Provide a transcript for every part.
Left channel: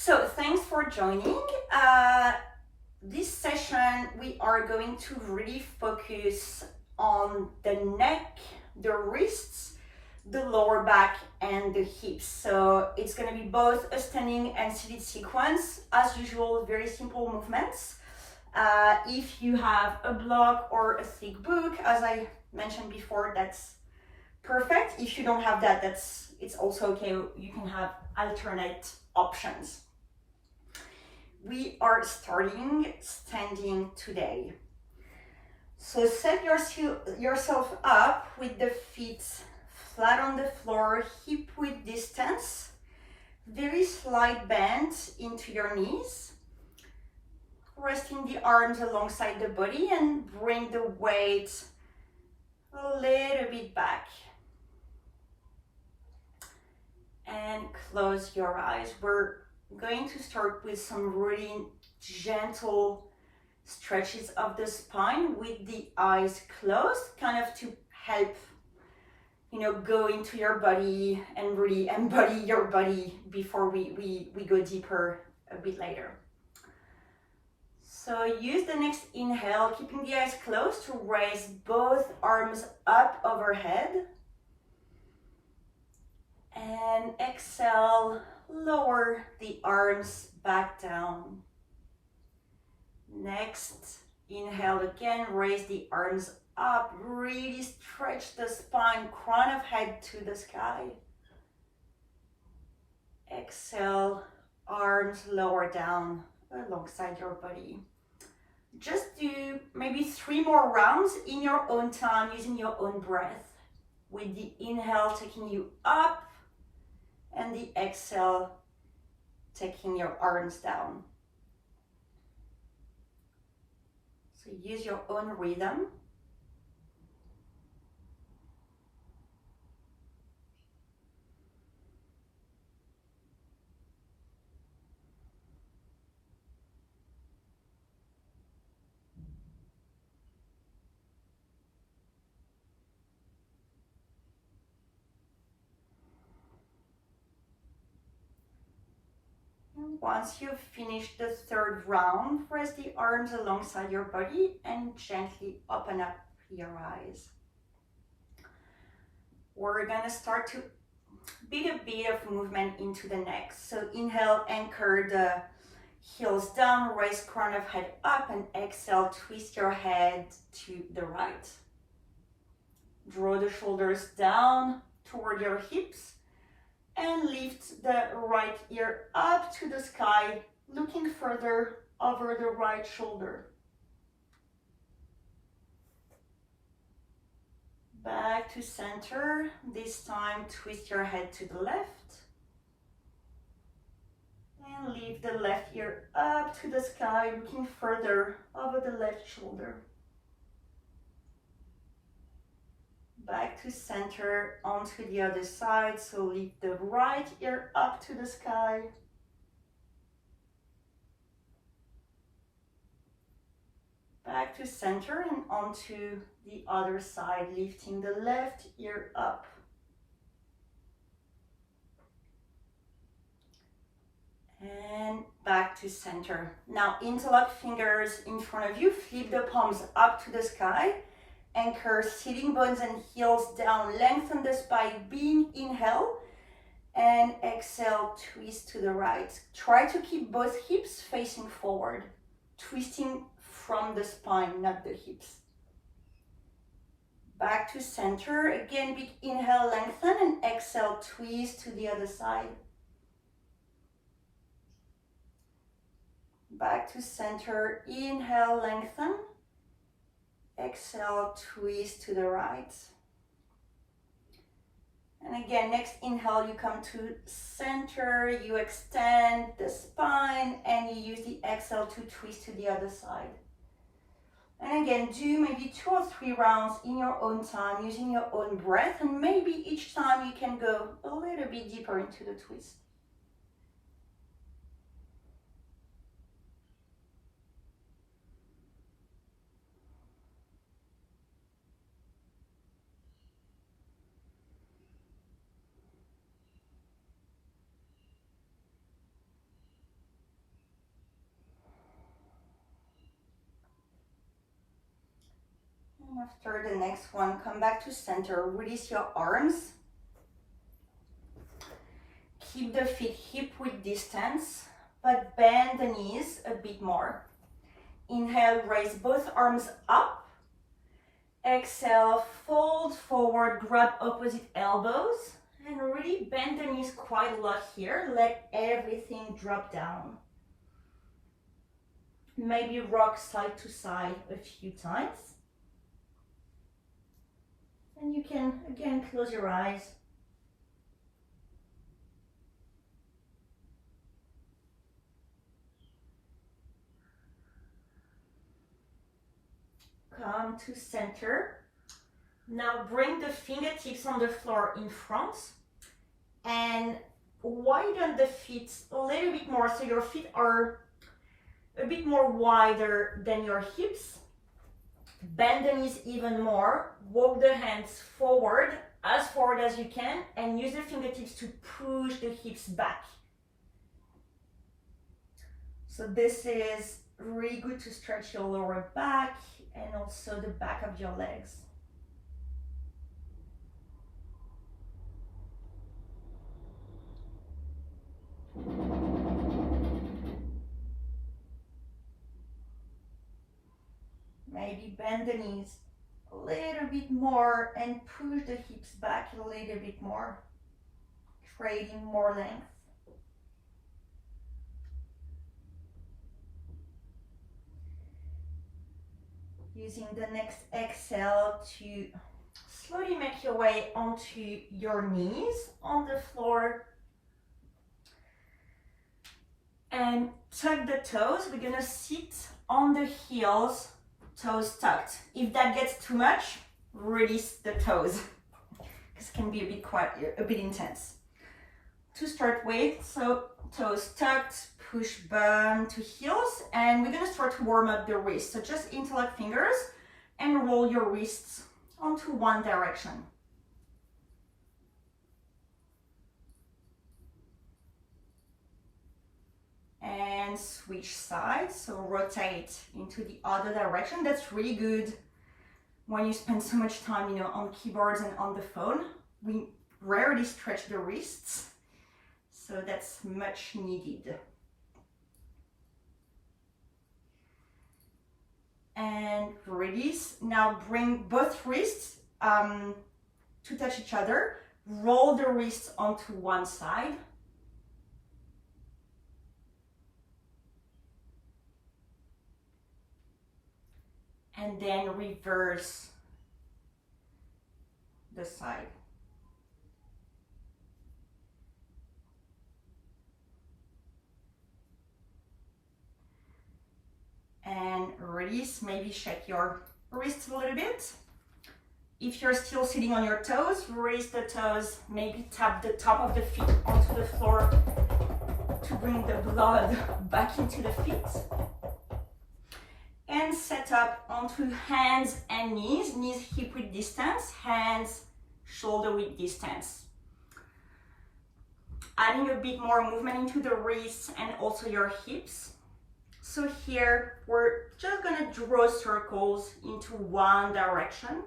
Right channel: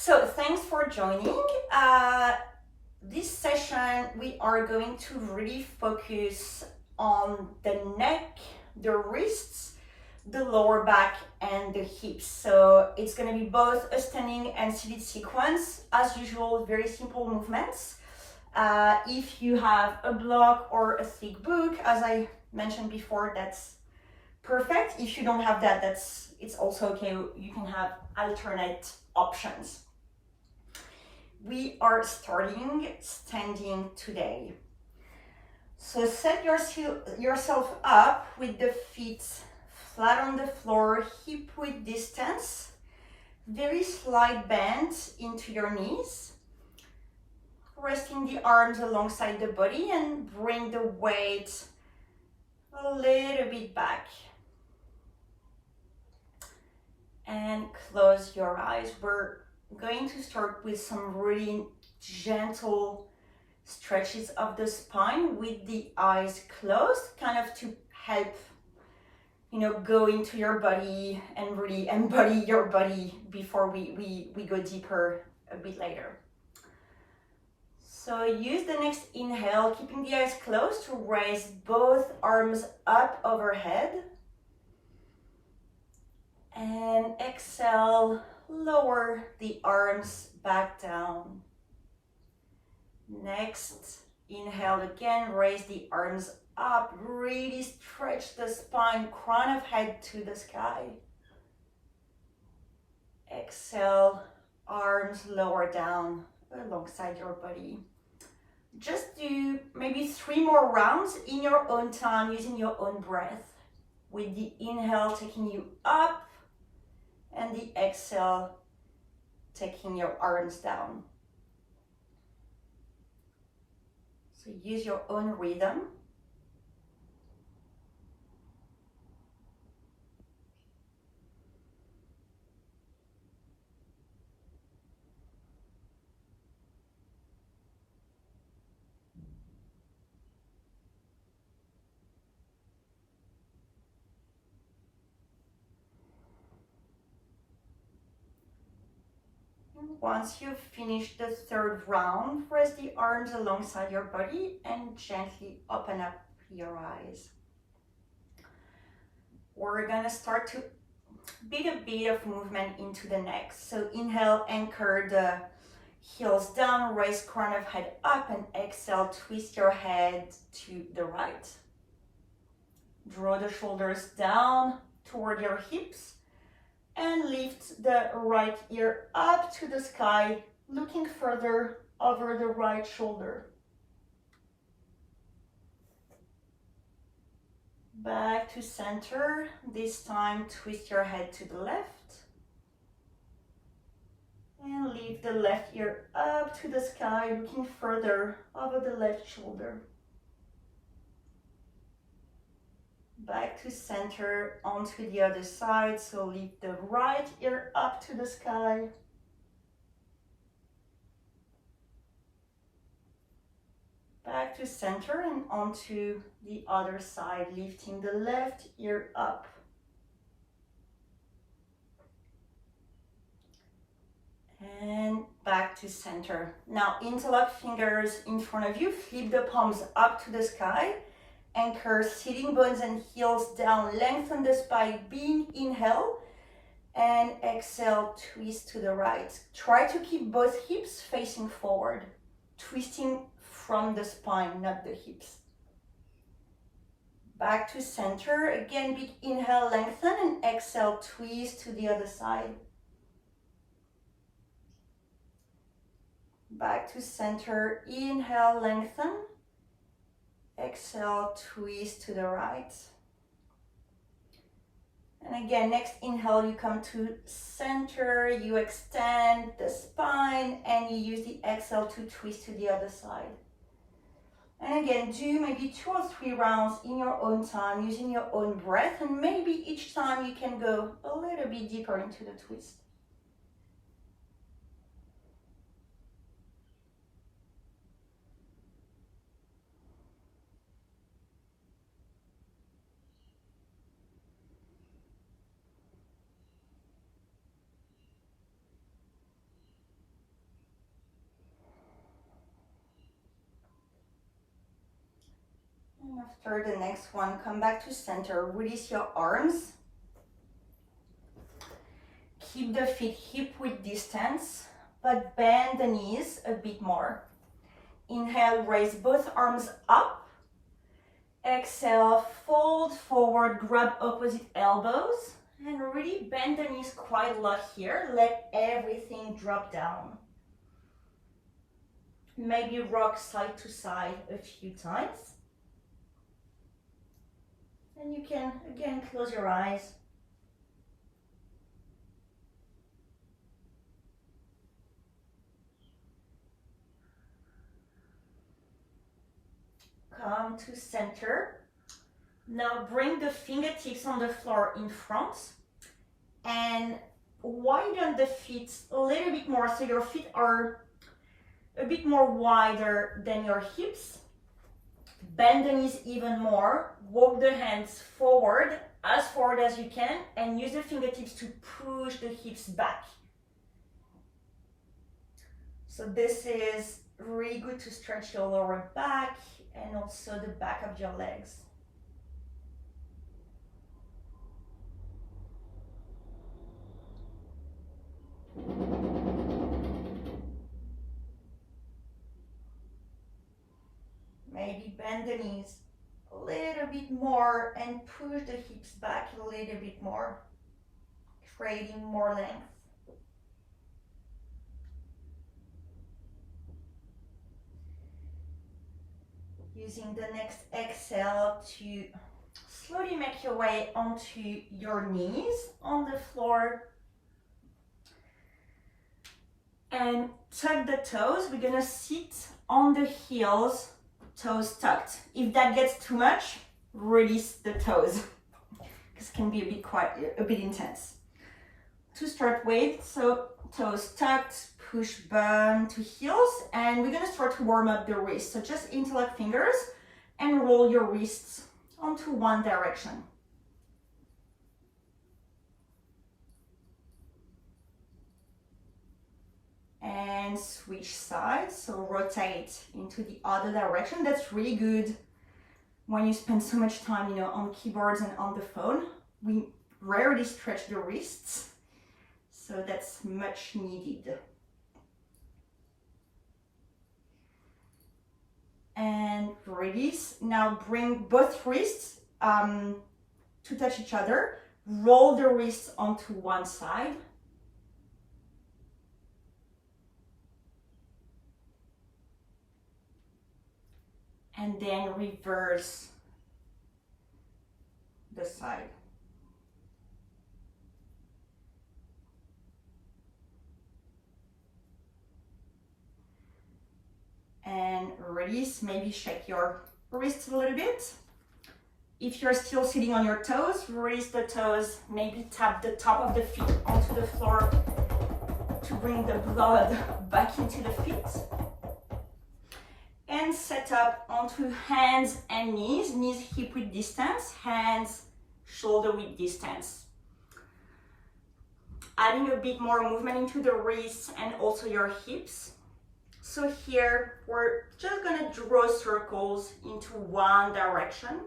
So thanks for joining. This session, we are going to really focus on the neck, the wrists, the lower back, and the hips. So it's going to be both a standing and seated sequence. As usual, very simple movements. If you have a block or a thick book, as I mentioned before, that's perfect. If you don't have that, it's also okay. You can have alternate options. We are starting standing today. So set yourself up with the feet flat on the floor, hip width distance, very slight bend into your knees, resting the arms alongside the body and bring the weight a little bit back. And close your eyes. We're going to start with some really gentle stretches of the spine with the eyes closed, kind of to help go into your body and really embody your body before we go deeper a bit later. So use the next inhale, keeping the eyes closed, to raise both arms up overhead. And exhale, lower the arms back down. Next, inhale again, raise the arms up, really stretch the spine, crown of head to the sky. Exhale, arms lower down alongside your body. Just do maybe 3 more rounds in your own time, using your own breath, with the inhale taking you up and the exhale taking your arms down. So use your own rhythm. Once you've finished the 3rd round, rest the arms alongside your body and gently open up your eyes. We're gonna start to build a bit of movement into the neck. So inhale, anchor the heels down, raise crown of head up, and exhale, twist your head to the right. Draw the shoulders down toward your hips and lift the right ear up to the sky, looking further over the right shoulder. Back to center. This time, twist your head to the left and lift the left ear up to the sky, looking further over the left shoulder. Back to center, onto the other side. So lift the right ear up to the sky. Back to center and onto the other side, lifting the left ear up. And back to center. Now interlock fingers in front of you, flip the palms up to the sky. Anchor sitting bones and heels down, lengthen the spine, big inhale, and exhale, twist to the right. Try to keep both hips facing forward, twisting from the spine, not the hips. Back to center, again, big inhale, lengthen, and exhale, twist to the other side. Back to center, inhale, lengthen. Exhale, twist to the right. And again, next inhale, you come to center, you extend the spine, and you use the exhale to twist to the other side. And again, do maybe 2 or 3 rounds in your own time, using your own breath, and maybe each time you can go a little bit deeper into the twist. After the next one, come back to center, release your arms. Keep the feet hip-width distance, but bend the knees a bit more. Inhale, raise both arms up. Exhale, fold forward, grab opposite elbows, and really bend the knees quite a lot here. Let everything drop down. Maybe rock side to side a few times. And you can, again, close your eyes. Come to center. Now bring the fingertips on the floor in front and widen the feet a little bit more so your feet are a bit more wider than your hips. Bend the knees even more. Walk the hands forward as you can and use the fingertips to push the hips back. So this is really good to stretch your lower back and also the back of your legs. Maybe bend the knees a little bit more and push the hips back a little bit more, creating more length. Using the next exhale to slowly make your way onto your knees on the floor. And tuck the toes. We're gonna sit on the heels, toes tucked. If that gets too much, release the toes, because it can be a bit intense. To start with, so toes tucked, push bum to heels, and we're gonna start to warm up the wrists. So just interlock fingers and roll your wrists onto one direction. And switch sides, so rotate into the other direction. That's really good when you spend so much time, on keyboards and on the phone. We rarely stretch the wrists, so that's much needed. And release. Now bring both wrists to touch each other. Roll the wrists onto one side. And then reverse the side. And release, maybe shake your wrists a little bit. If you're still sitting on your toes, release the toes, maybe tap the top of the feet onto the floor to bring the blood back into the feet. And set up onto hands and knees, knees hip width distance, hands shoulder width distance. Adding a bit more movement into the wrists and also your hips. So here, we're just gonna draw circles into one direction.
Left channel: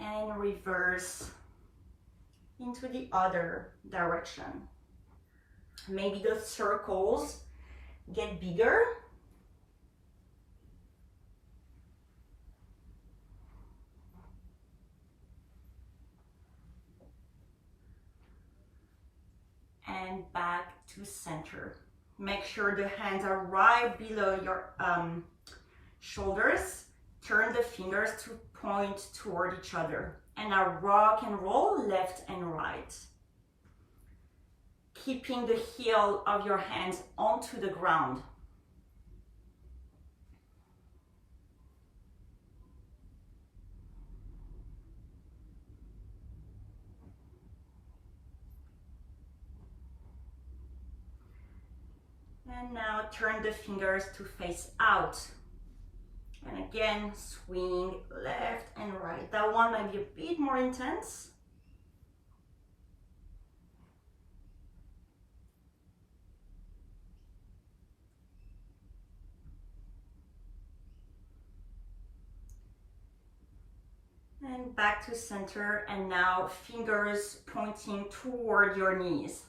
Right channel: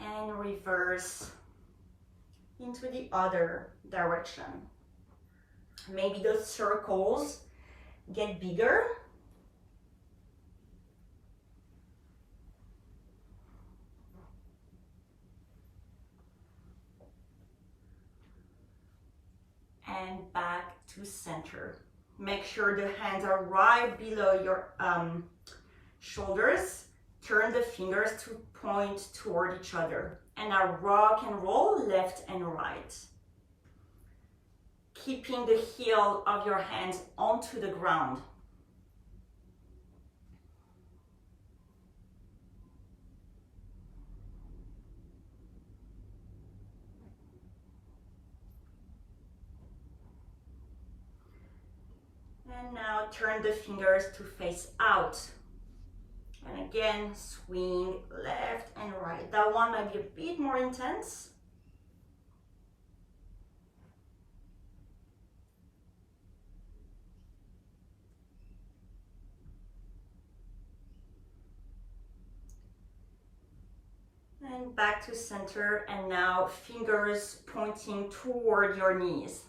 And reverse into the other direction. Maybe those circles get bigger. And back to center. Make sure the hands are right below your shoulders. Turn the fingers to point toward each other. And now rock and roll left and right. Keeping the heel of your hands onto the ground. And now turn the fingers to face out. And again, swing left and right. That one might be a bit more intense. And back to center, and now fingers pointing toward your knees.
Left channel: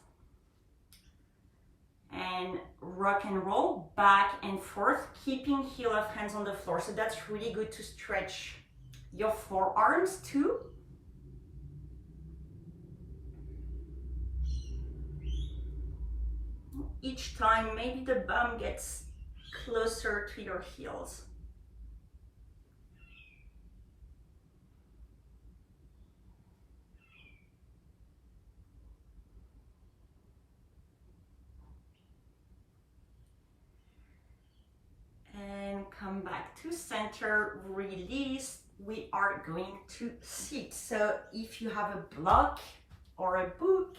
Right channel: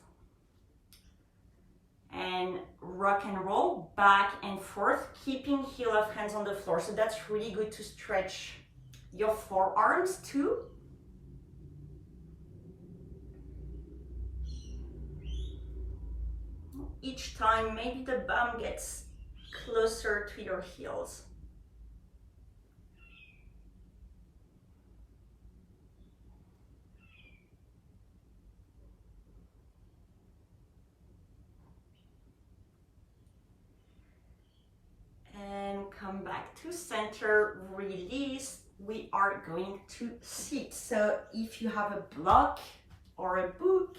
And rock and roll back and forth, keeping heel of hands on the floor. So that's really good to stretch your forearms too. Each time, maybe the bum gets closer to your heels. And come back to center, release. We are going to sit. So if you have a block or a book,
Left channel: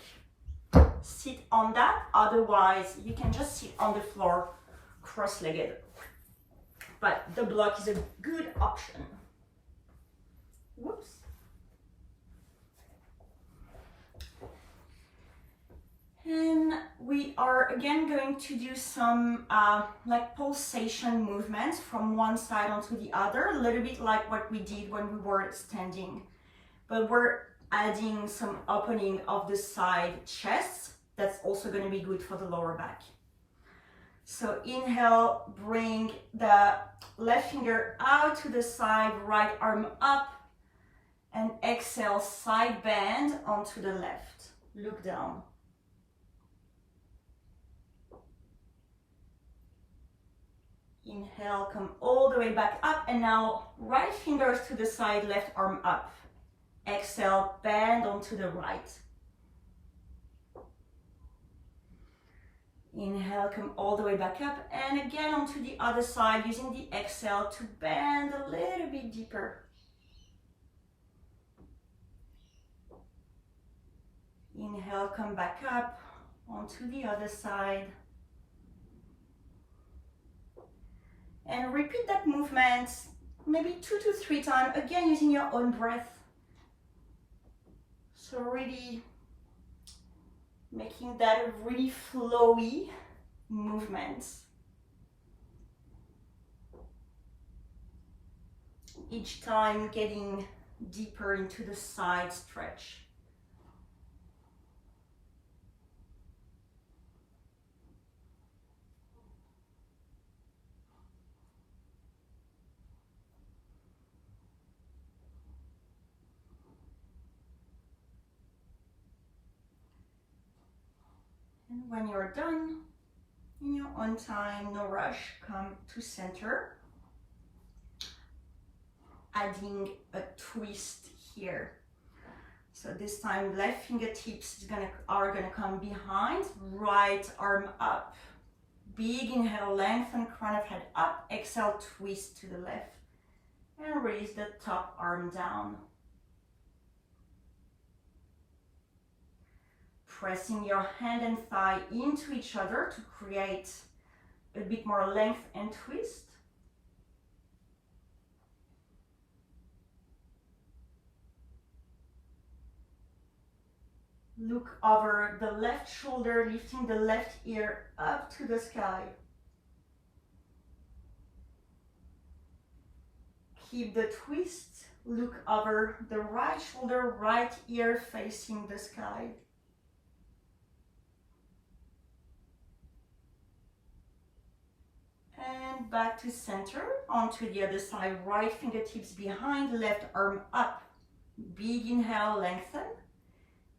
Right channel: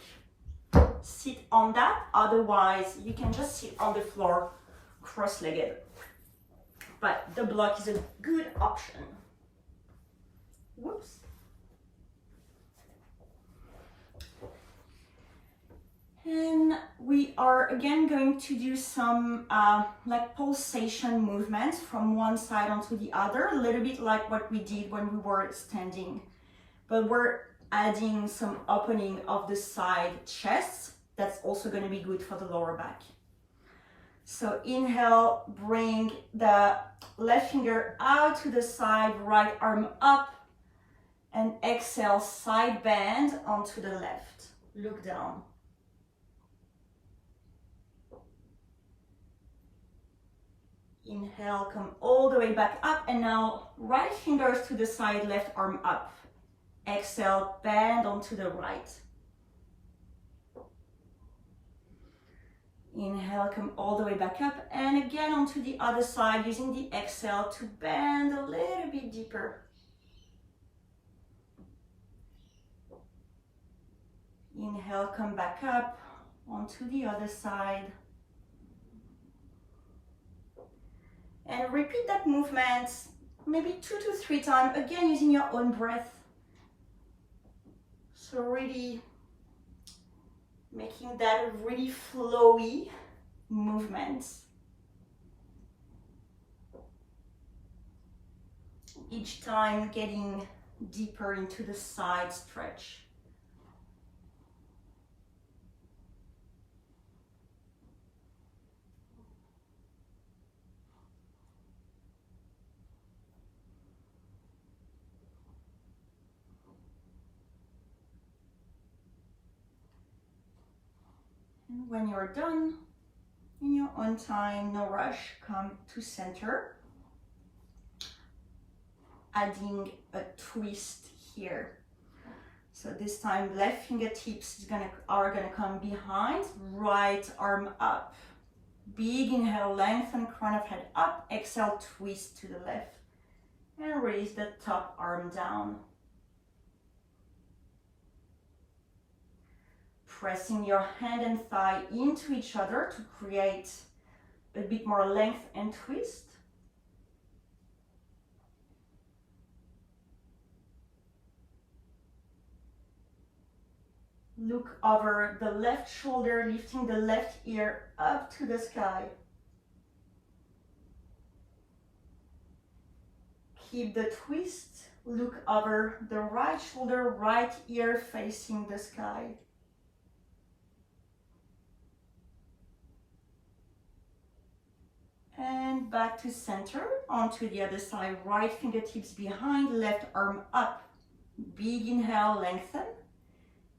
sit on that. Otherwise, you can just sit on the floor cross-legged. But the block is a good option. Whoops. And we are again going to do some like pulsation movements from one side onto the other, a little bit like what we did when we were standing. But we're adding some opening of the side chests. That's also going to be good for the lower back. So inhale, bring the left finger out to the side, right arm up, and exhale, side bend onto the left. Look down. Inhale, come all the way back up, and now right fingers to the side, left arm up. Exhale, bend onto the right. Inhale, come all the way back up, and again onto the other side, using the exhale to bend a little bit deeper. Inhale, come back up onto the other side. And repeat that movement maybe 2 to 3 times, again using your own breath. So really making that a really flowy movement. Each time getting deeper into the side stretch. And when you're done, in your own time, no rush, come to center. Adding a twist here. So this time, left fingertips are gonna come behind, right arm up. Big inhale, lengthen crown of head up. Exhale, twist to the left. And raise the top arm down. Pressing your hand and thigh into each other to create a bit more length and twist. Look over the left shoulder, lifting the left ear up to the sky. Keep the twist. Look over the right shoulder, right ear facing the sky. And back to center, onto the other side, right fingertips behind, left arm up. Big inhale, lengthen.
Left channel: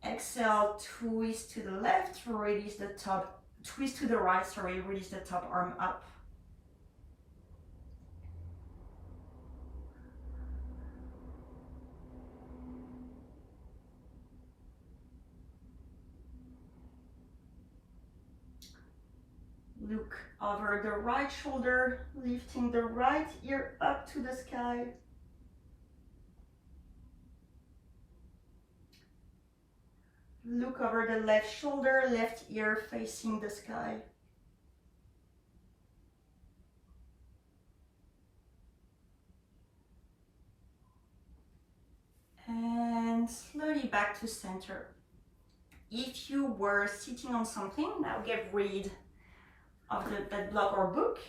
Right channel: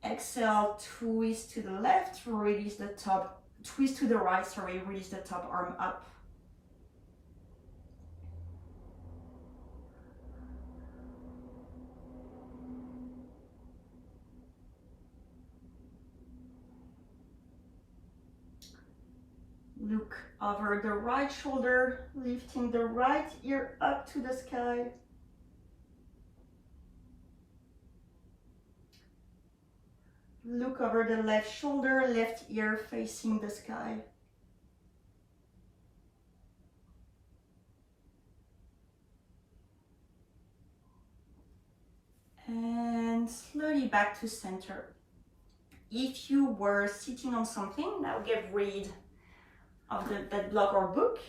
Exhale, twist to the left, release the top, twist to the right, sorry, release the top arm up. Look over the right shoulder, lifting the right ear up to the sky. Look over the left shoulder, left ear facing the sky. And slowly back to center. If you were sitting on something, now get rid of that block or book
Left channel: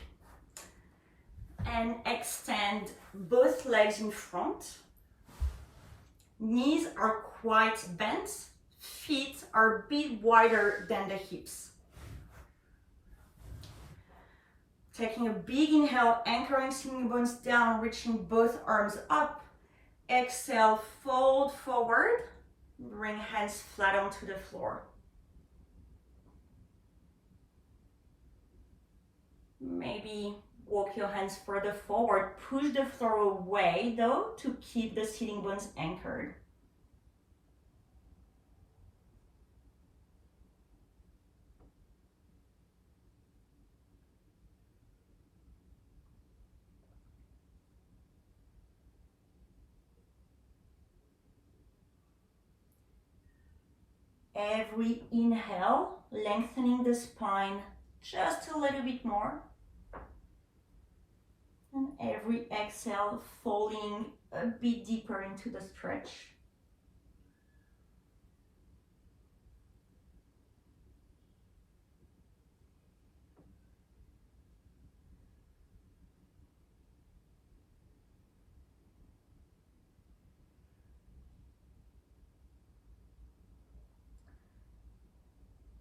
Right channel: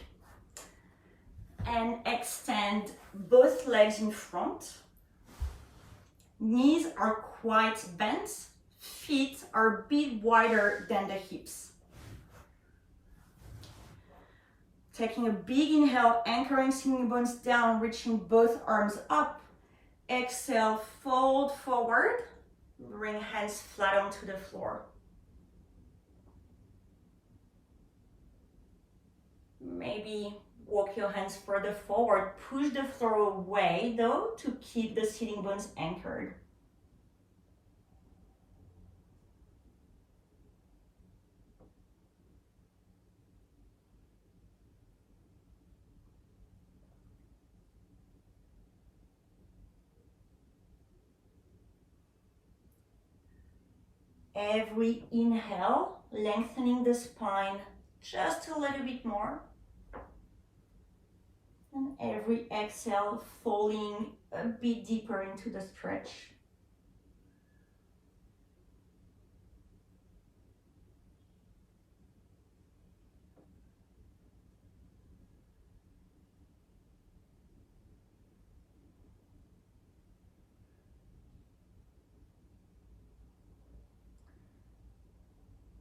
and extend both legs in front. Knees are quite bent, feet are a bit wider than the hips. Taking a big inhale, anchoring sitting bones down, reaching both arms up. Exhale, fold forward, bring hands flat onto the floor. Maybe walk your hands further forward, push the floor away though to keep the sitting bones anchored. Every inhale, lengthening the spine just a little bit more. And every exhale, falling a bit deeper into the stretch.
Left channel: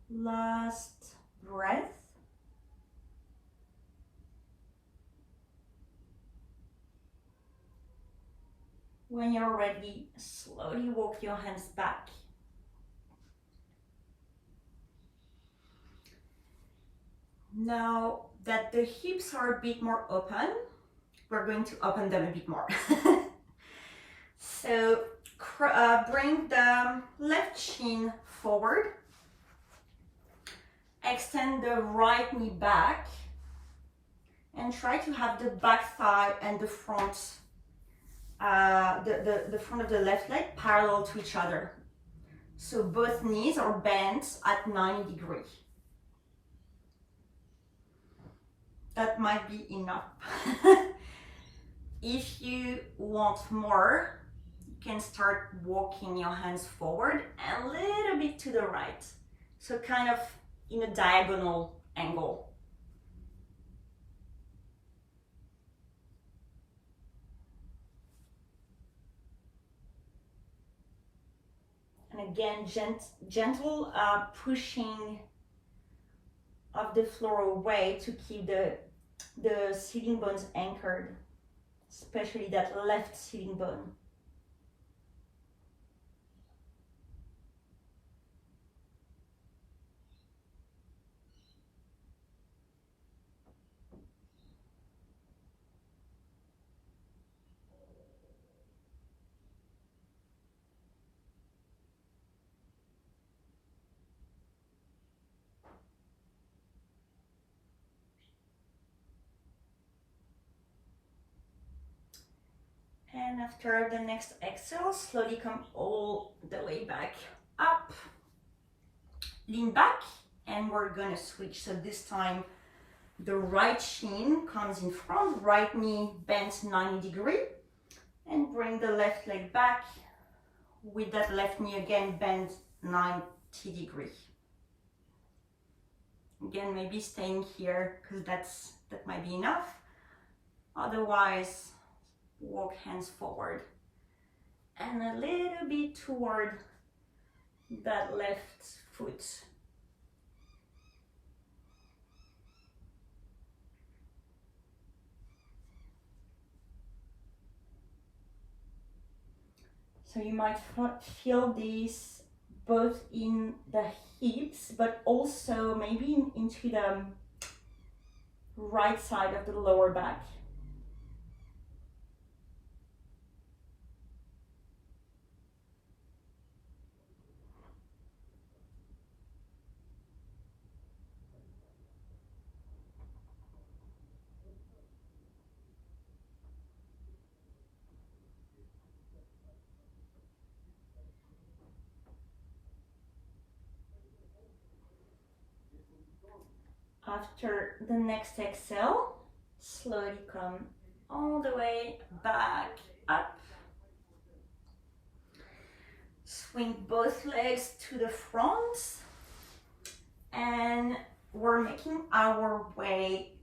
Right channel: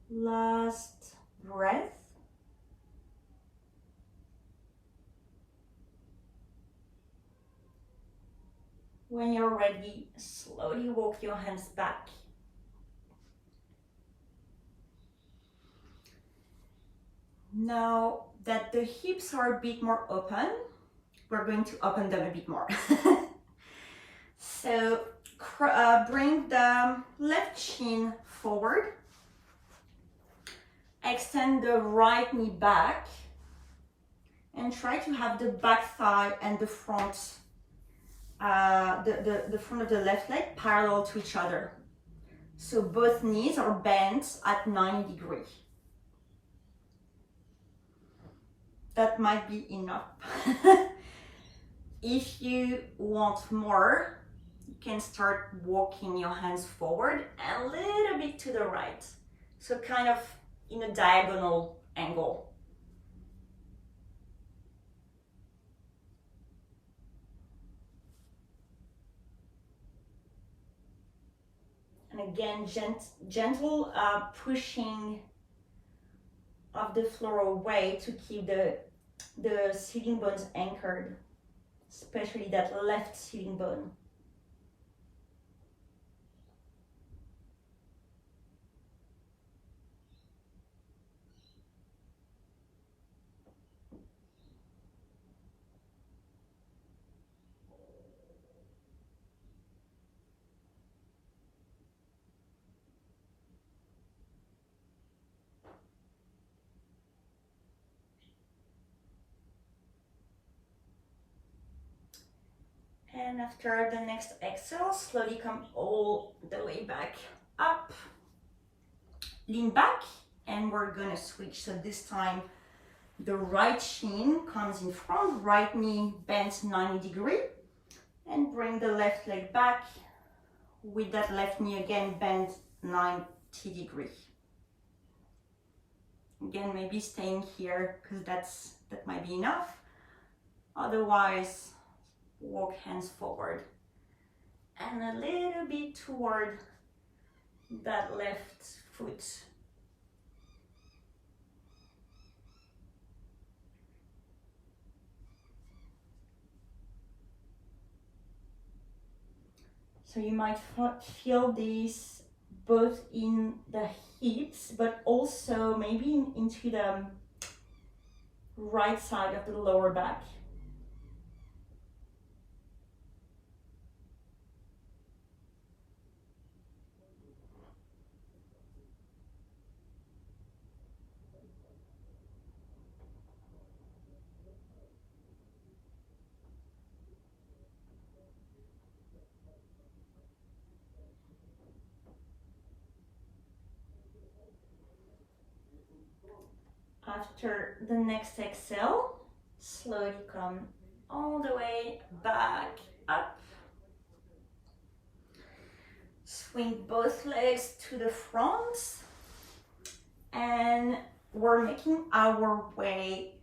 Last breath. When you're ready, slowly walk your hands back. Now that the hips are a bit more open, we're going to open them a bit more. So bring the left shin forward. Extend the right knee back and try to have the back thigh and the front, the front of the left leg parallel to each other. So both knees are bent at 90 degrees. That might be enough. If you want more, you can start walking your hands forward and a little bit to the right. So kind of in a diagonal angle. And again, gentle pushing of the floor away to keep the sitting bones anchored, especially that left sitting bone. And after the next exhale, slowly come all the way back up. Lean back, and we're gonna switch. So this time, the right shin comes in front, right knee bent 90 degrees, and bring the left leg back with that left knee again bent 90 degrees. Again, maybe staying here because that might be enough. Otherwise, walk hands forward and a little bit toward that left foot. So you might feel this both in the hips, but also maybe into the right side of the lower back. After the next exhale, slowly come all the way back up. Swing both legs to the front, and we're making our way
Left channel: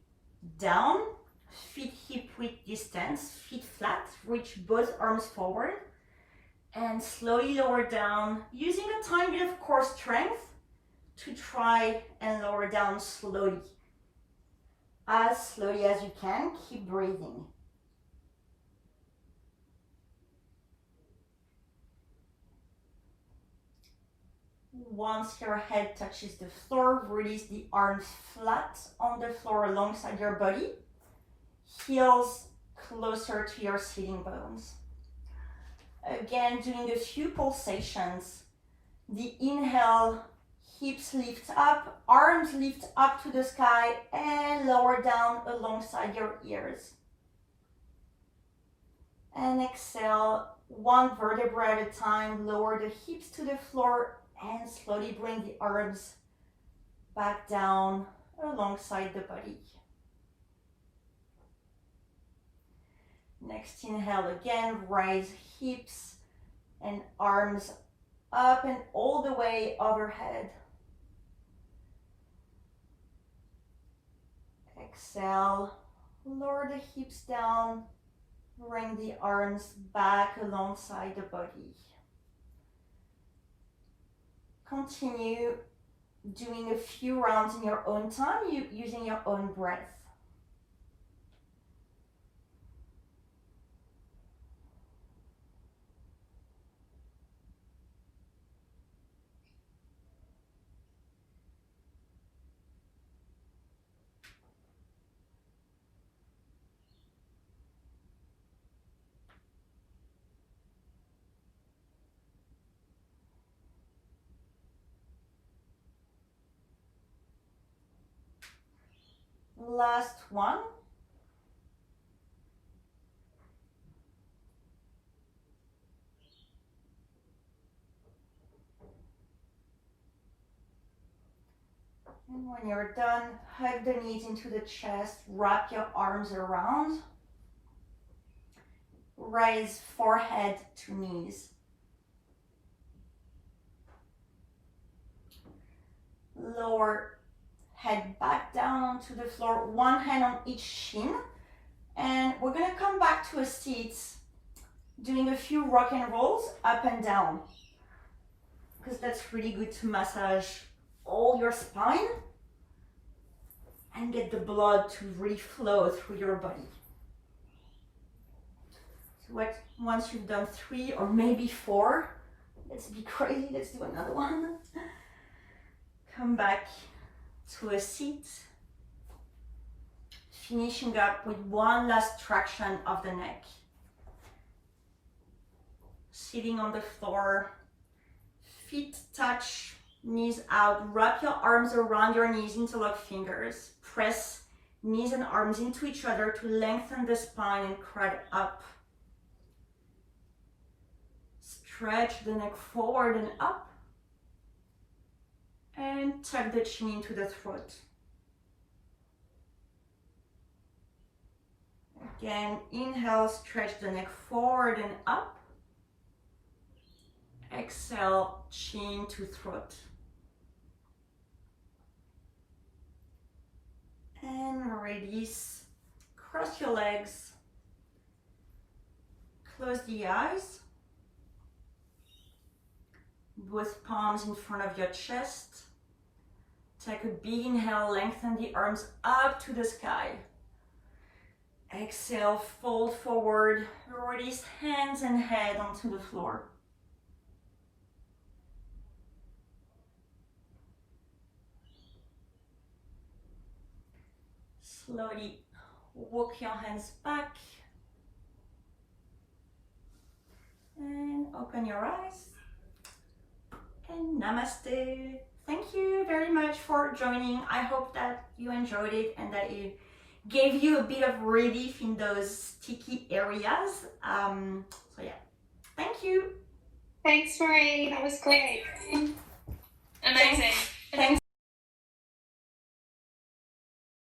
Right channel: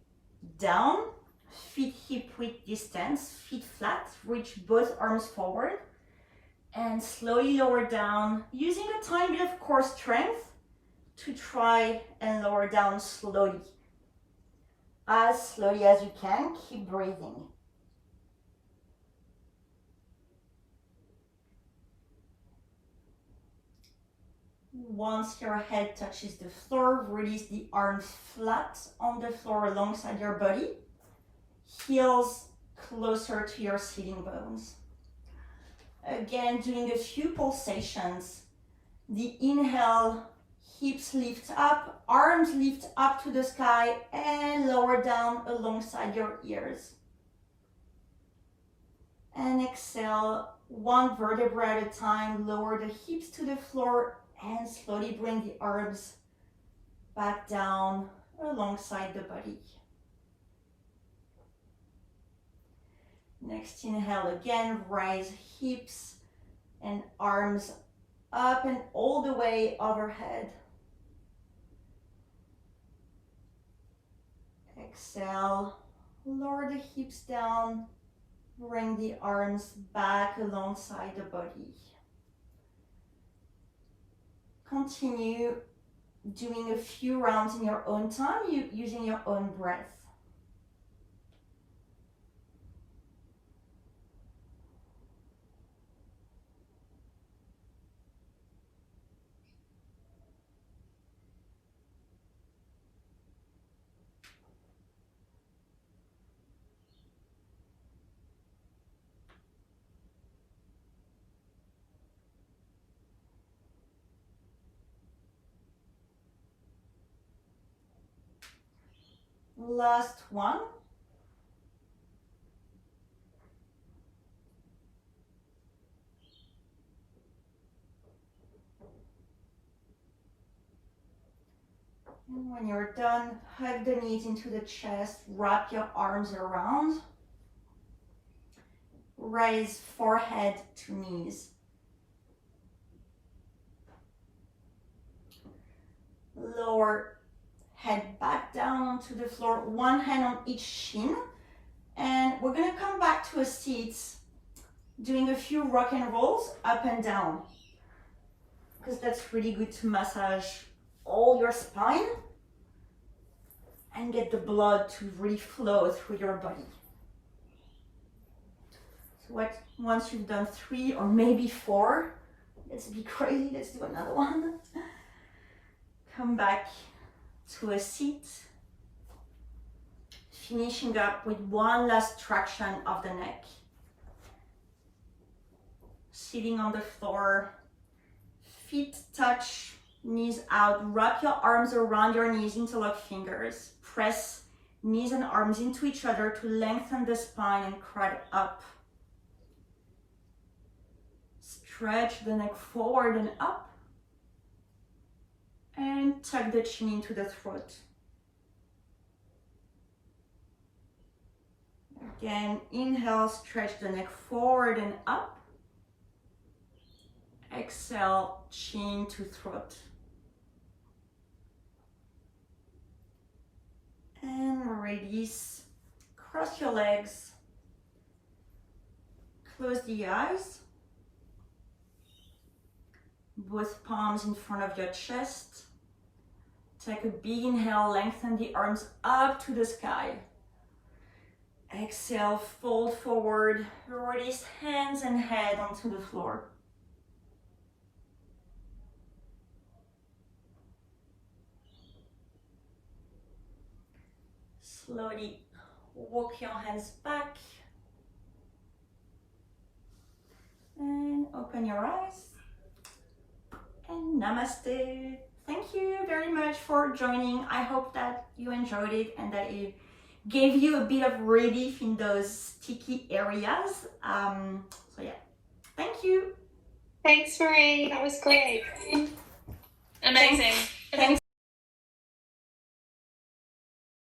down, feet hip width distance, feet flat, reach both arms forward, And slowly lower down, using a tiny bit of core strength to try and lower down slowly. As slowly as you can, keep breathing. Once your head touches the floor, release the arms flat on the floor alongside your body. Heels closer to your sitting bones. Again, doing a few pulsations. The inhale, hips lift up, arms lift up to the sky and lower down alongside your ears. And exhale, one vertebra at a time, lower the hips to the floor and slowly bring the arms back down alongside the body. Next inhale again, raise hips and arms up and all the way overhead. Exhale, lower the hips down, bring the arms back alongside the body. Continue doing a few rounds in your own time, using your own breath. Last one. And when you're done, hug the knees into the chest, wrap your arms around. Raise forehead to knees. Lower head back down onto the floor, one hand on each shin. And we're gonna come back to a seat, doing a few rock and rolls up and down, because that's really good to massage all your spine and get the blood to really flow through your body. So once you've done 3 or maybe 4, let's be crazy, let's do another one. Come back to a seat, finishing up with one last traction of the neck. Sitting on the floor, feet touch, knees out, wrap your arms around your knees, interlock fingers, press knees and arms into each other to lengthen the spine and crowd up. Stretch the neck forward and up, and tuck the chin into the throat. Again, inhale, stretch the neck forward and up. Exhale, chin to throat. And release, cross your legs, close the eyes. Both palms in front of your chest. Take a big inhale, lengthen the arms up to the sky. Exhale, fold forward, release hands and head onto the floor. Slowly walk your hands back and open your eyes. And namaste. Thank you very much for joining. I hope that you enjoyed it and that it gave you a bit of relief in those sticky areas. So yeah, thank you. Thanks, Marie. That was great. Amazing.